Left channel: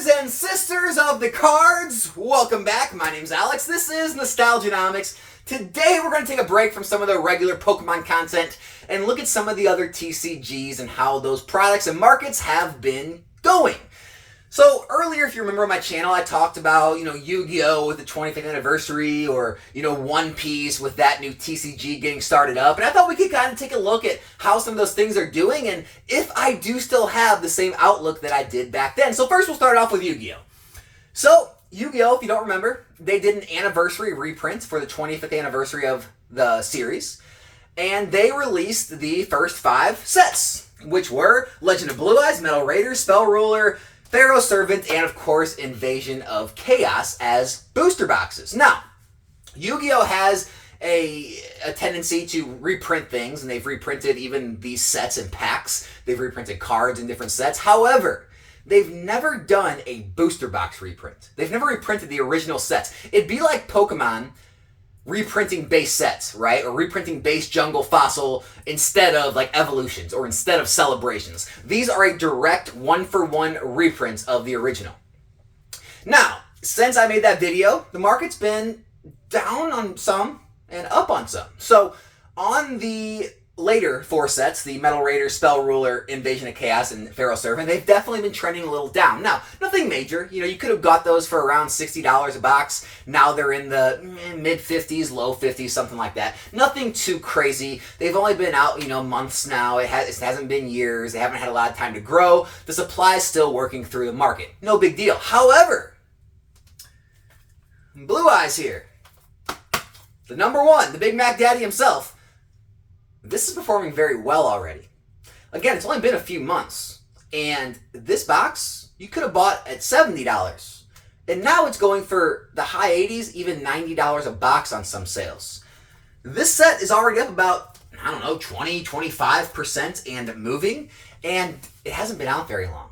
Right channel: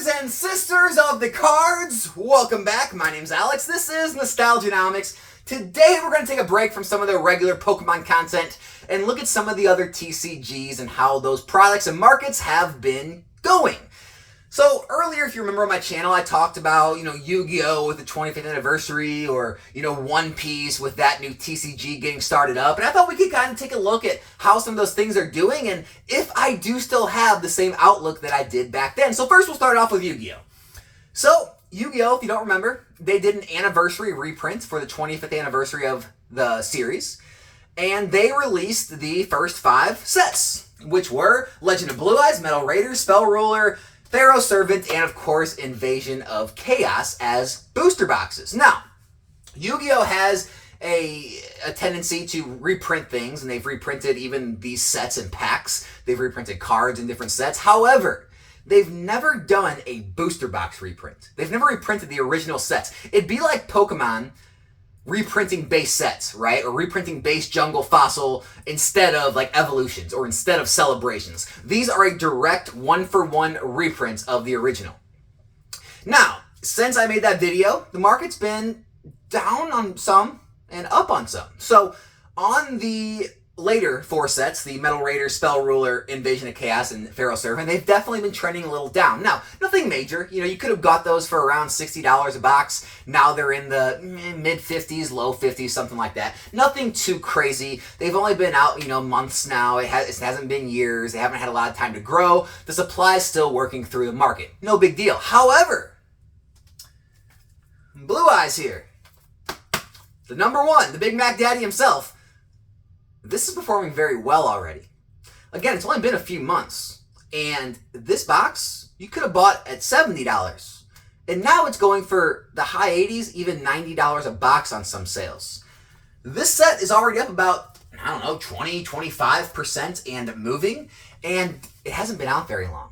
Brothers and sisters of the cards, welcome back. My name's Alex. This is Nostalgianomics. Today we're going to take a break from some of the regular Pokemon content and look at some of the other TCGs and how those products and markets have been going. So earlier, if you remember on my channel, I talked about, YuGiOh with the 25th anniversary, or, One Piece with that new TCG getting started up. And I thought we could kind of take a look at how some of those things are doing and if I do still have the same outlook that I did back then. So first we'll start off with YuGiOh. So YuGiOh, if you don't remember, they did an anniversary reprint for the 25th anniversary of the series. And they released the first 5 sets, which were Legend of Blue Eyes, Metal Raider, Spell Ruler, Pharaoh Servant, and of course Invasion of Chaos as booster boxes. Now, YuGiOh has a tendency to reprint things, and they've reprinted even these sets in packs. They've reprinted cards in different sets. However, they've never done a booster box reprint. They've never reprinted the original sets. It'd be like Pokemon reprinting base sets, right? Or reprinting base jungle fossil instead of like evolutions or instead of celebrations. These are a direct one-for-one reprint of the original. Now, since I made that video, the market's been down on some and up on some. So on the later 4 sets, the Metal Raider, Spell Ruler, Invasion of Chaos, and Pharaoh Servant, they've definitely been trending a little down. Now, nothing major. You could have got those for around $60 a box. Now they're in the mid-50s, low 50s, something like that. Nothing too crazy. They've only been out, months now. It hasn't been years. They haven't had a lot of time to grow. The supply is still working through the market. No big deal. However, Blue Eyes here, the number one, the Big Mac Daddy himself, this is performing very well already. Again, it's only been a few months. And this box, you could have bought at $70. And now it's going for the high 80s, even $90 a box on some sales. This set is already up about, 20, 25% and moving. And it hasn't been out very long.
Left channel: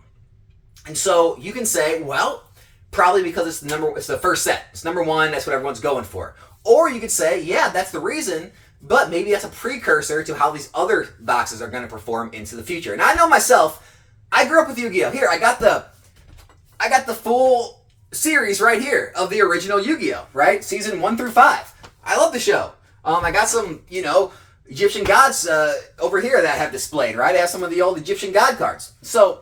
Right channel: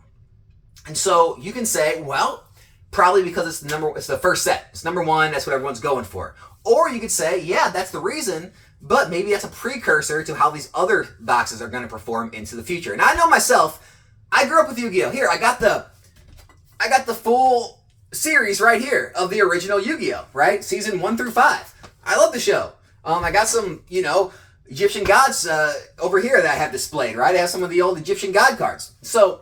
And so you can say, well, probably because it's the first set. It's number one, that's what everyone's going for. Or you could say, yeah, that's the reason, but maybe that's a precursor to how these other boxes are going to perform into the future. And I know myself, I grew up with YuGiOh. Here, I got the full series right here of the original YuGiOh, right? Season 1 through 5. I love the show. I got some, Egyptian gods over here that I have displayed, right? I have some of the old Egyptian god cards. So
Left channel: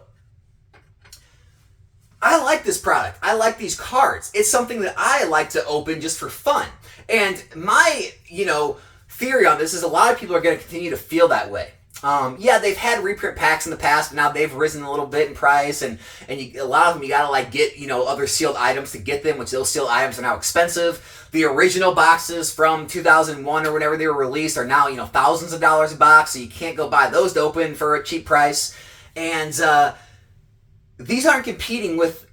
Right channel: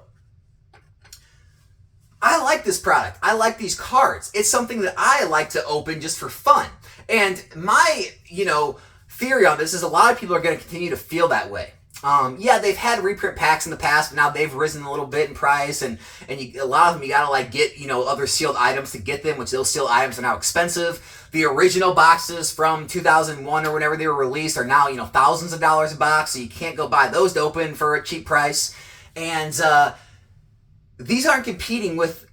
I like this product. I like these cards. It's something that I like to open just for fun. And my, theory on this is a lot of people are going to continue to feel that way. Yeah, they've had reprint packs in the past, but now they've risen a little bit in price, and a lot of them you gotta get other sealed items to get them, which those sealed items are now expensive. The original boxes from 2001 or whenever they were released are now thousands of dollars a box, so you can't go buy those to open for a cheap price. And these aren't competing with,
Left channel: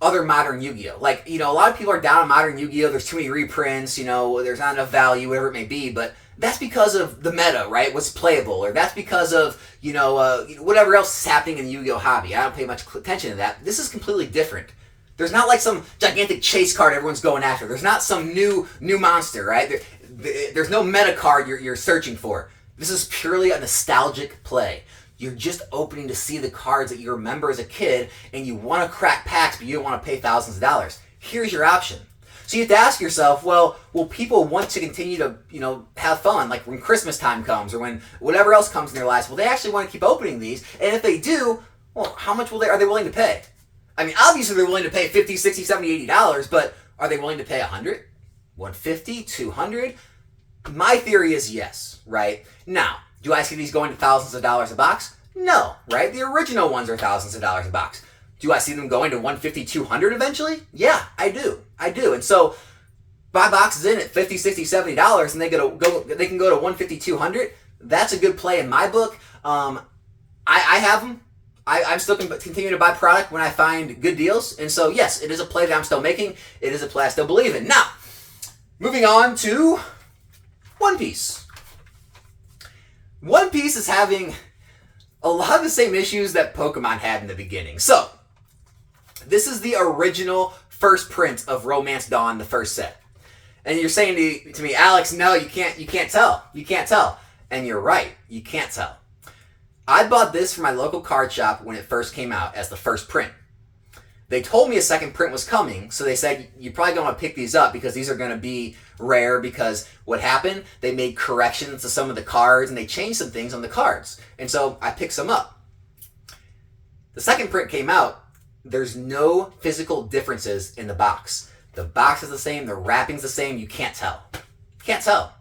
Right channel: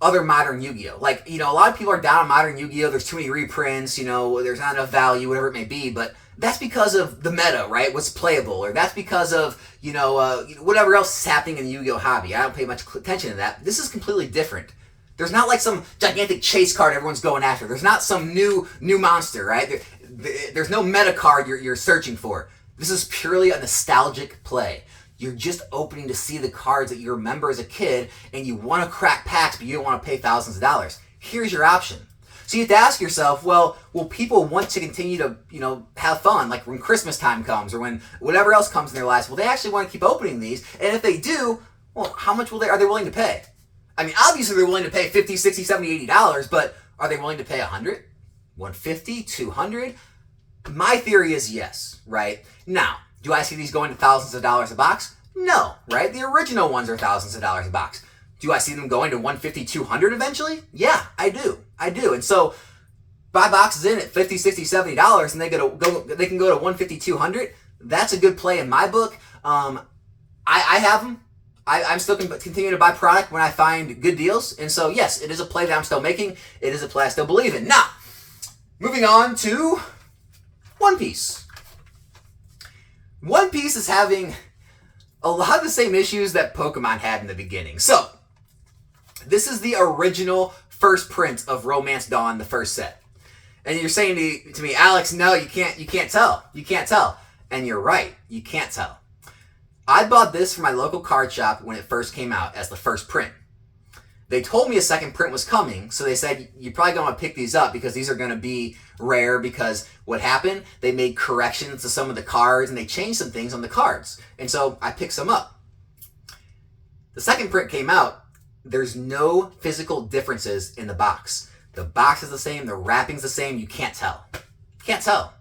other modern Yu-Gi-Oh! Like, a lot of people are down on modern Yu-Gi-Oh! There's too many reprints, there's not enough value, whatever it may be, but that's because of the meta, right? What's playable, or that's because of, whatever else is happening in the Yu-Gi-Oh! Hobby. I don't pay much attention to that. This is completely different. There's not like some gigantic chase card everyone's going after. There's not some new monster, right? There's no meta card you're searching for. This is purely a nostalgic play. You're just opening to see the cards that you remember as a kid, and you want to crack packs, but you don't want to pay thousands of dollars. Here's your option. So you have to ask yourself, well, will people want to continue to, have fun, like when Christmas time comes, or when whatever else comes in their lives? Will they actually want to keep opening these? And if they do, well, how much are they willing to pay? I mean, obviously they're willing to pay $50, $60, $70, $80, but are they willing to pay $100, $150, $200? My theory is yes, right? Now, do I see these going to thousands of dollars a box? No, right? The original ones are thousands of dollars a box. Do I see them going to $150, $200 eventually? Yeah, I do. And so buy boxes in at $50, $60, $70, and they can go to $150, $200. That's a good play in my book. I have them. I'm still continuing to buy product when I find good deals. And so, yes, it is a play that I'm still making. It is a play I still believe in. Now, moving on to One Piece. One Piece is having a lot of the same issues that Pokemon had in the beginning. So, this is the original first print of Romance Dawn, the first set. And you're saying to me, Alex, no, you can't tell. You can't tell. And you're right, you can't tell. I bought this from my local card shop when it first came out as the first print. They told me a second print was coming, so they said, you're probably going to pick these up because these are going to be rare, because what happened, they made corrections to some of the cards and they changed some things on the cards. And so I picked some up. The second print came out. There's no physical differences in the box. The box is the same, the wrapping's the same, you can't tell. Can't tell.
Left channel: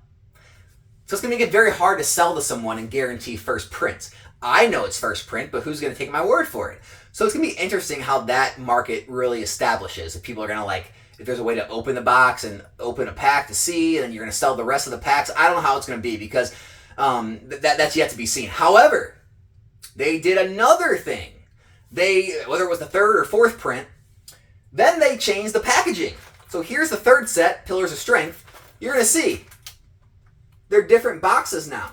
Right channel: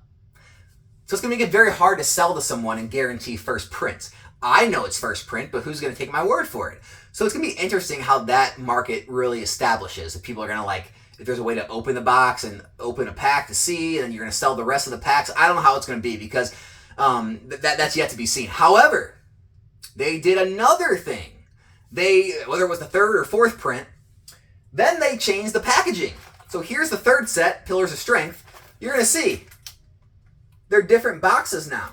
So it's going to make it very hard to sell to someone and guarantee first print. I know it's first print, but who's going to take my word for it? So it's going to be interesting how that market really establishes. If people are going to if there's a way to open the box and open a pack to see, and then you're going to sell the rest of the packs. I don't know how it's going to be, because that's yet to be seen. However, they did another thing. Whether it was the third or fourth print, then they changed the packaging. So here's the third set, Pillars of Strength. You're going to see they're different boxes now.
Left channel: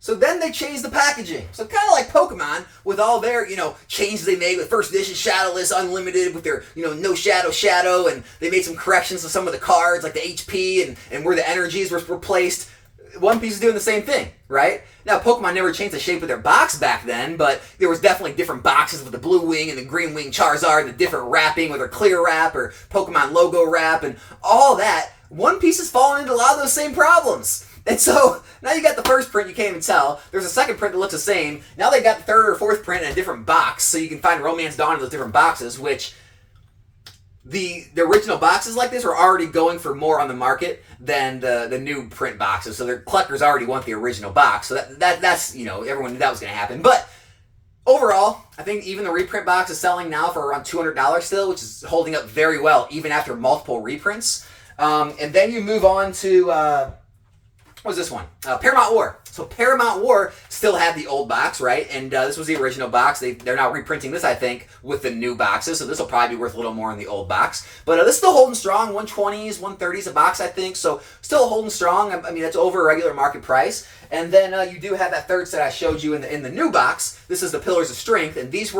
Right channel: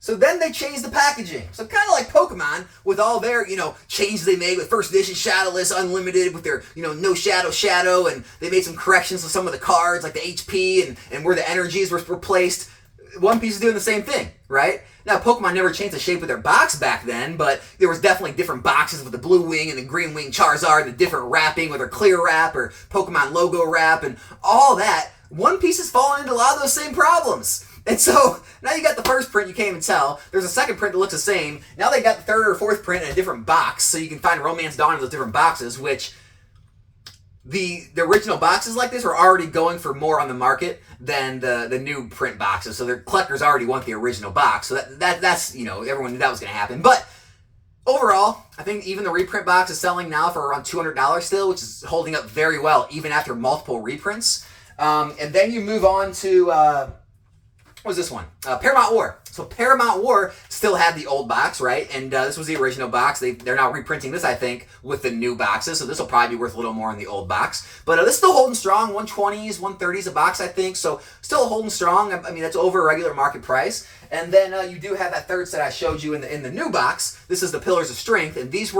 So then they changed the packaging. So kind of like Pokemon, with all their, changes they made with first edition Shadowless Unlimited, with their, no shadow, and they made some corrections to some of the cards, like the HP and where the energies were placed. One Piece is doing the same thing, right? Now, Pokemon never changed the shape of their box back then, but there was definitely different boxes with the blue wing and the green wing Charizard, the different wrapping, whether clear wrap or Pokemon logo wrap, and all that. One Piece has fallen into a lot of those same problems. And so, now you got the first print, you can't even tell. There's a second print that looks the same. Now they got the third or fourth print in a different box, so you can find Romance Dawn in those different boxes, which the original boxes like this were already going for more on the market than the new print boxes. So their collectors already want the original box. So that's everyone knew that was going to happen. But overall, I think even the reprint box is selling now for around $200 still, which is holding up very well even after multiple reprints. And then you move on to what was this one? Paramount War. So Paramount War still had the old box, right? And this was the original box. They're now reprinting this, I think, with the new boxes. So this will probably be worth a little more in the old box. But this is still holding strong. 120s, 130s a box, I think. So still holding strong. I mean, that's over a regular market price. And then you do have that third set I showed you in the new box. This is the Pillars of Strength, and these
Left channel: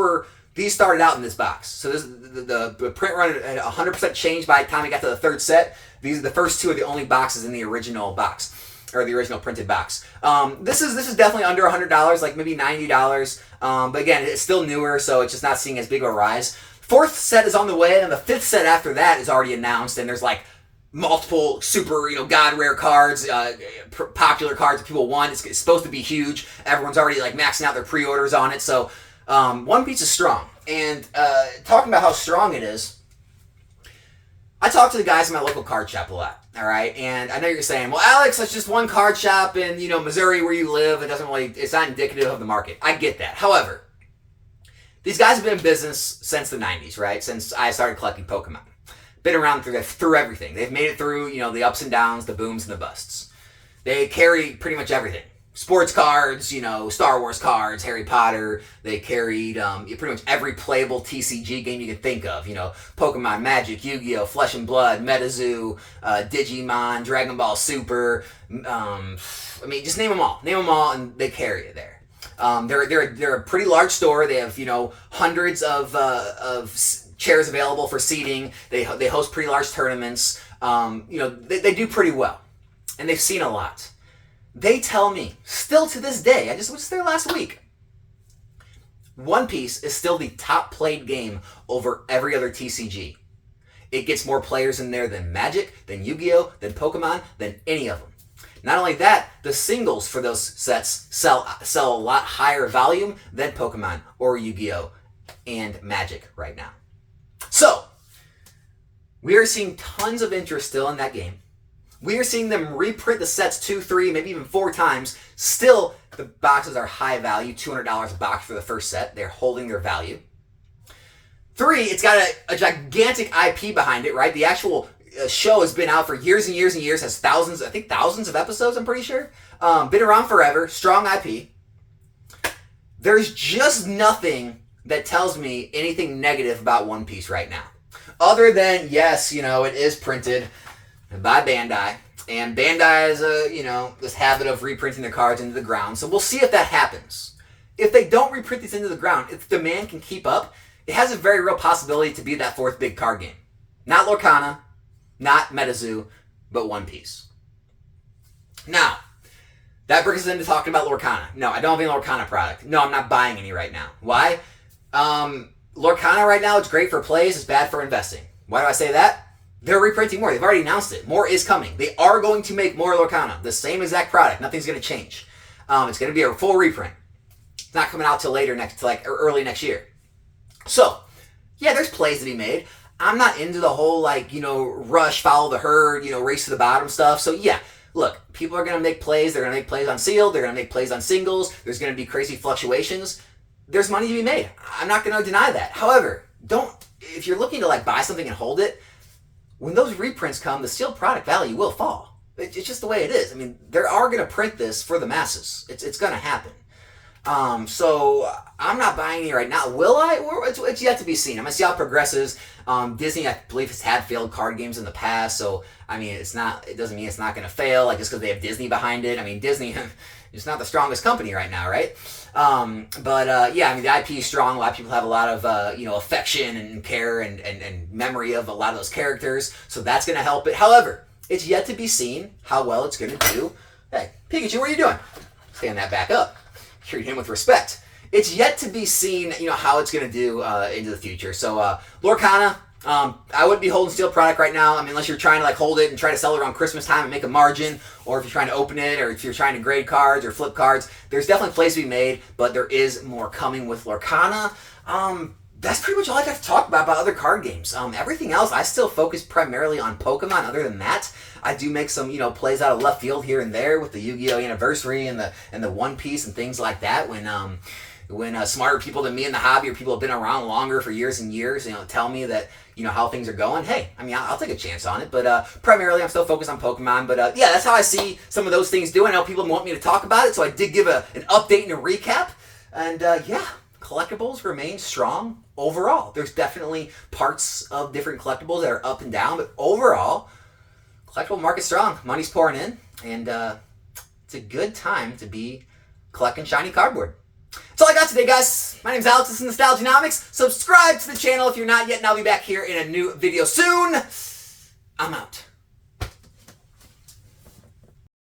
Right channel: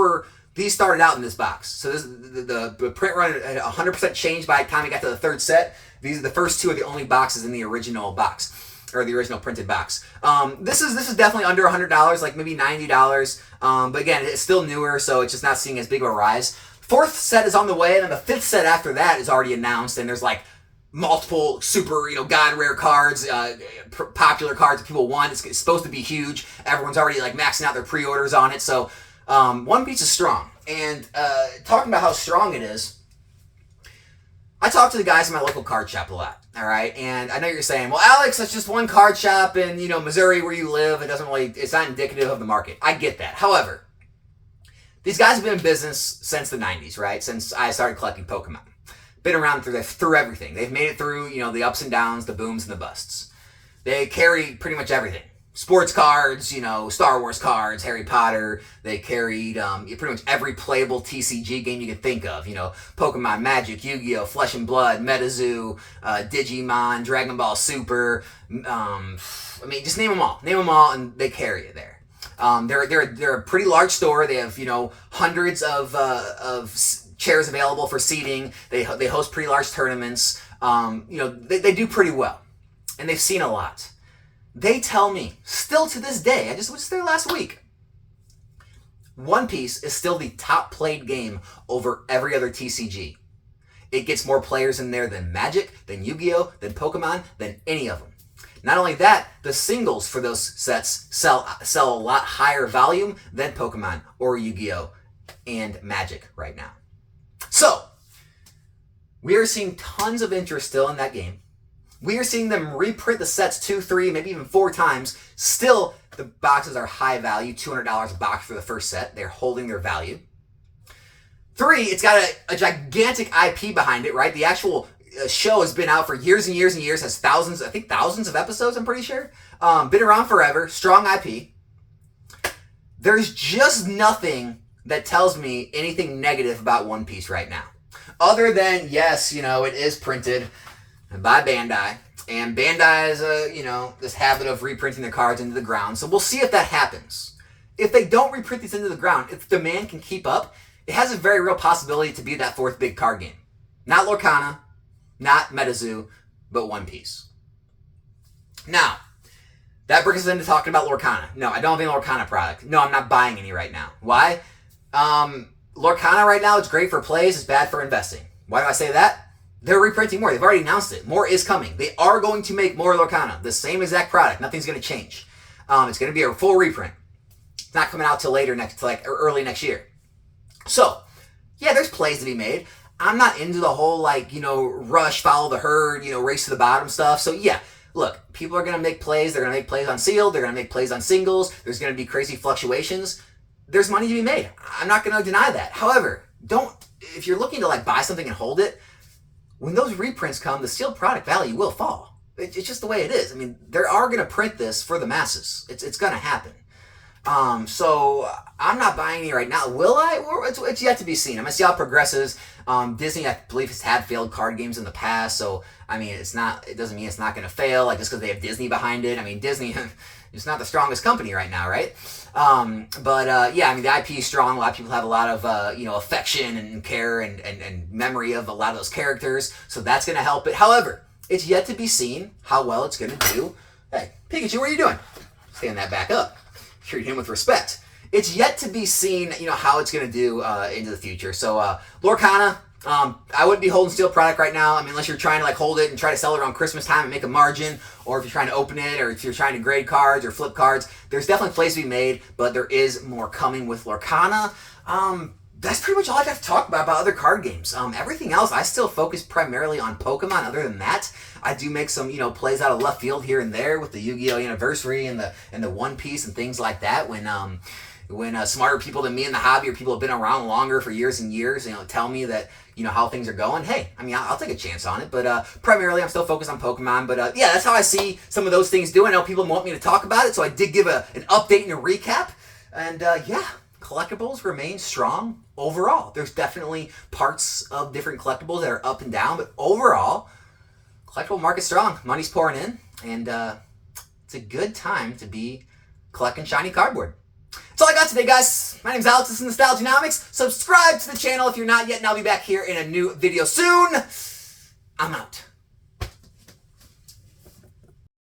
started out in this box. So this the print run at 100% changed by the time we got to the third set. The first two are the only boxes in the original box, or the original printed box. This is definitely under $100, like maybe $90. But again, it's still newer, so it's just not seeing as big of a rise. Fourth set is on the way, and then the fifth set after that is already announced, and there's like multiple super, god rare cards, popular cards that people want. It's supposed to be huge. Everyone's already like maxing out their pre-orders on it. So One Piece is strong. And talking about how strong it is, I talk to the guys in my local card shop a lot. All right, and I know you're saying, well, Alex, that's just one card shop in, Missouri where you live. It's not indicative of the market. I get that. However, these guys have been in business since the 90s, right? Since I started collecting Pokemon. Been around through everything. They've made it through, the ups and downs, the booms and the busts. They carry pretty much everything. Sports cards, Star Wars cards, Harry Potter. They carried pretty much every playable TCG game you can think of. Pokemon, Magic, YuGiOh, Flesh and Blood, MetaZoo, Digimon, Dragon Ball Super. Just name them all. Name them all, and they carry it there. They're a pretty large store. They have hundreds of chairs available for seating. They host pretty large tournaments. They do pretty well, and they've seen a lot. They tell me, still to this day, I just was there last week, One Piece is still the top played game over every other TCG. It gets more players in there than Magic, than Yu-Gi-Oh, than Pokemon, than any of them. Not only that, the singles for those sets sell a lot higher volume than Pokemon or Yu-Gi-Oh and Magic right now. So, we are seeing tons of interest still in that game. We are seeing them reprint the sets 2, 3, maybe even 4 times. Still, the boxes are high value, $200 a box for the first set. They're holding their value. 3, it's got a gigantic IP behind it, right? The actual show has been out for years and years and years, has thousands of episodes, I'm pretty sure. Been around forever, strong IP. There's just nothing that tells me anything negative about One Piece right now. Other than, yes, it is printed by Bandai, and Bandai is this habit of reprinting their cards into the ground. So we'll see if that happens. If they don't reprint these into the ground, if demand can keep up, it has a very real possibility to be that fourth big card game. Not Lorcana, not MetaZoo, but One Piece. Now, that brings us into talking about Lorcana. No, I don't have any Lorcana product. No, I'm not buying any right now. Why? Lorcana right now, it's great for plays, it's bad for investing. Why do I say that? They're reprinting more. They've already announced it. More is coming. They are going to make more Lorcana. The same exact product. Nothing's going to change. It's going to be a full reprint. It's not coming out till early next year. So, yeah, there's plays to be made. I'm not into the whole, rush, follow the herd, race to the bottom stuff. So, yeah, look, people are going to make plays. They're going to make plays on sealed. They're going to make plays on singles. There's going to be crazy fluctuations. There's money to be made. I'm not going to deny that. However, if you're looking to, buy something and hold it, when those reprints come, the sealed product value will fall. It's just the way it is. I mean, they are going to print this for the masses. It's going to happen. So I'm not buying any right now. Will I? It's yet to be seen. I'm going to see how it progresses. Disney, I believe, has had failed card games in the past. So, I mean, it doesn't mean it's not going to fail, just because they have Disney behind it. I mean, Disney is not the strongest company right now, right? Yeah, I mean, the IP is strong. A lot of people have a lot of, affection and care and memory of a lot of those characters. So that's going to help it. However, it's yet to be seen how well it's going to do. Hey, Pikachu, what are you doing? Stand that back up. Treat him with respect. It's yet to be seen, how it's going to do into the future. So, Lorcana, I wouldn't be holding steel product right now. I mean, unless you're trying to hold it and try to sell it around Christmas time and make a margin, or if you're trying to open it, or if you're trying to grade cards or flip cards. There's definitely plays to be made, but there is more coming with Lorcana. That's pretty much all I got to talk about other card games. Everything else, I still focus primarily on Pokemon. Other than that, I do make some, plays out of left field here and there with the YuGiOh anniversary and the One Piece and things like that. When smarter people than me in the hobby, or people have been around longer for years and years, tell me that how things are going. Hey, I mean, I'll take a chance on it. But primarily, I'm still focused on Pokemon. But yeah, that's how I see some of those things doing. I know people want me to talk about it, so I did give an update and a recap. And yeah. Collectibles remain strong overall. There's definitely parts of different collectibles that are up and down, but overall, collectible market's strong. Money's pouring in, and it's a good time to be collecting shiny cardboard. That's all I got today, guys. My name's Alex. This is Nostalgianomics. Subscribe to the channel if you're not yet, and I'll be back here in a new video soon. I'm out.